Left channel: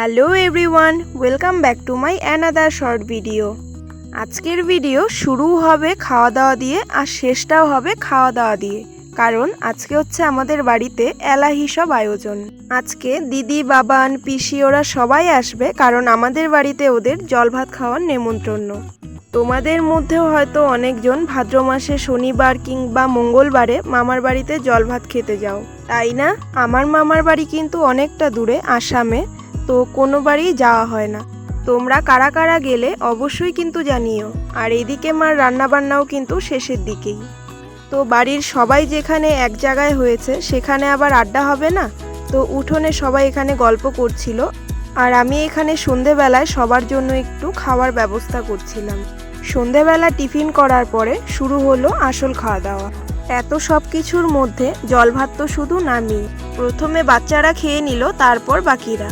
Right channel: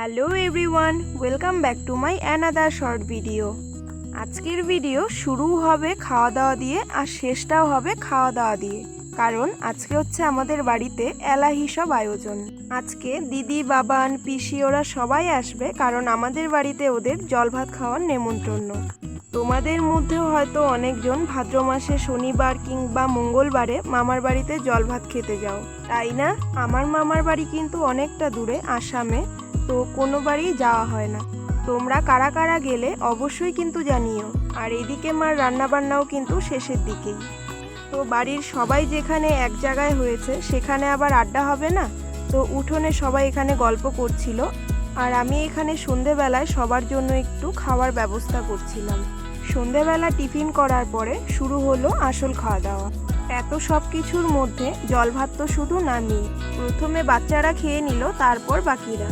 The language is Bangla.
Hello everyone, welcome back to my another short video. আজকের ভিডিও শুরু হবে খাওয়া দাওয়া দিয়ে আর শেষটাও হবে খাওয়া দাওয়া দিয়ে, কারণ আজকে হচ্ছে আমাদের বাড়িতে এলাহি সব আয়োজন। আজকে দিদি, বাবান, পিসি ওরা সবাই আসবে, কারণ আমাদের বাড়িতে ওদের জল ভাত খাওয়ার নেমন্তন্ন। তোমাদের মধ্যেও হয়তো অনেকজন ভাদ্র মাসে শনিবার কিংবা মঙ্গলবারে মামার বাড়িতে জল ভাত খেতে যাও, তাই না? আমার মামার বাড়ি কিন্তু অনেকটা দূরে, আসামে, তো কোনো বাড়ি যাওয়া হয় না। তোমরা কারা কারা গেলে অবশ্যই কিন্তু জানিও। আর এইদিকে মার রান্নাবান্নাও কিন্তু শেষের দিকেই। তো বাড়ির সবাই যেখানে এক জায়গায় হয়েছে সেখানে আবার আড্ডা হবে না, তো উঠোনে সবাই এখানে গল্প করছিল, আর আমি এখানে সন্ধেবেলায় সবার জন্য একটু খাওয়ার ব্যবস্থা করছিলাম। সন্ধেবেলা টিফিন করার পরে শুরু হলো আসল খাওয়া দাওয়া। এত সব কিছুর মধ্যে জল ভাত তো শুধু নামিয়ে প্রথমে বাচ্চারা খেয়ে নিল, তারপর বাকিরা।